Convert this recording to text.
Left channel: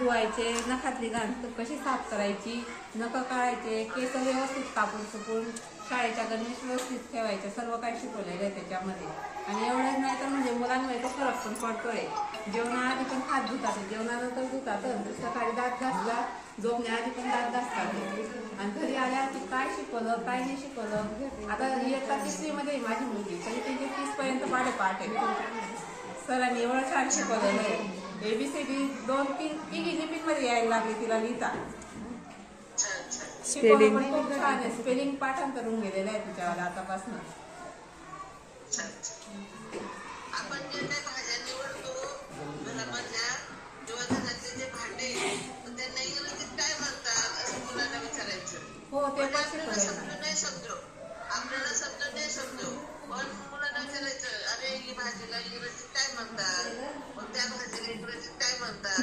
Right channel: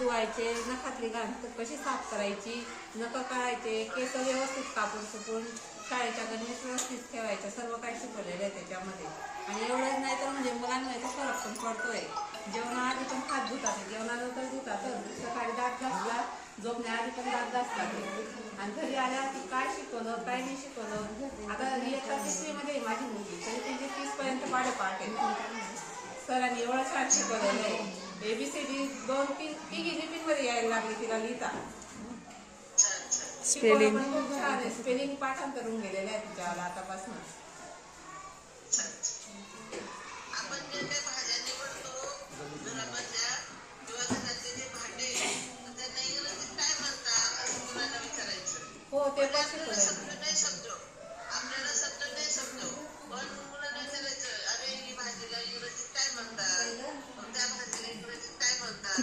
धुवायचे, नखातली घाण कशी साफ करायची, नखं काढायचे, केस व्यवस्थित कापून सुकून शाळेच्या गणवेश व्यवस्थित ठेवायचं, सर्व काही शिकवलेलं आहे त्याच्यामध्ये. आणि एवढंच नाही तर म्हणजे मुलांमध्ये तर फरक पण पडतोय. जेवणाआधी पण हात धुतात, जेवणानंतर धुतात, सकाळी दात घासला, झोपण्याआधी पण दात घासतात. आणि घरी आल्यावरती काय शिकवलं काय नाही शिकवलं. आता इयत्ता 3री मध्ये माझी मुलगी, तरी त्यांचे 30 पर्यंत पाठ आहे. सरांनी एवढं छान शिकवलेलं आहे. ABCD 2-3 तिघी लिपींमध्ये यायला लागली तिला लिहिता. शिकवणं पण खूप छान आहे. स्पेलिंग पाठांतर होऊन गेलेलं आहे तिच्यावर आतापासून. आपण जे काही भाज्या निवडतो घरामधल्या किंवा घरातले जे भांडे त्यांना इंग्रजीत काय म्हणतात असं मुलांना विचारायचं. हो, ते पण आपल्याला शिकवलंय. शब्द नाही समजो पण मुलांना विचारायचं, अरे ही भाजीला इंग्रजीत काय म्हणतात, मग त्या भाजीला इंग्रजीत काय म्हणतात.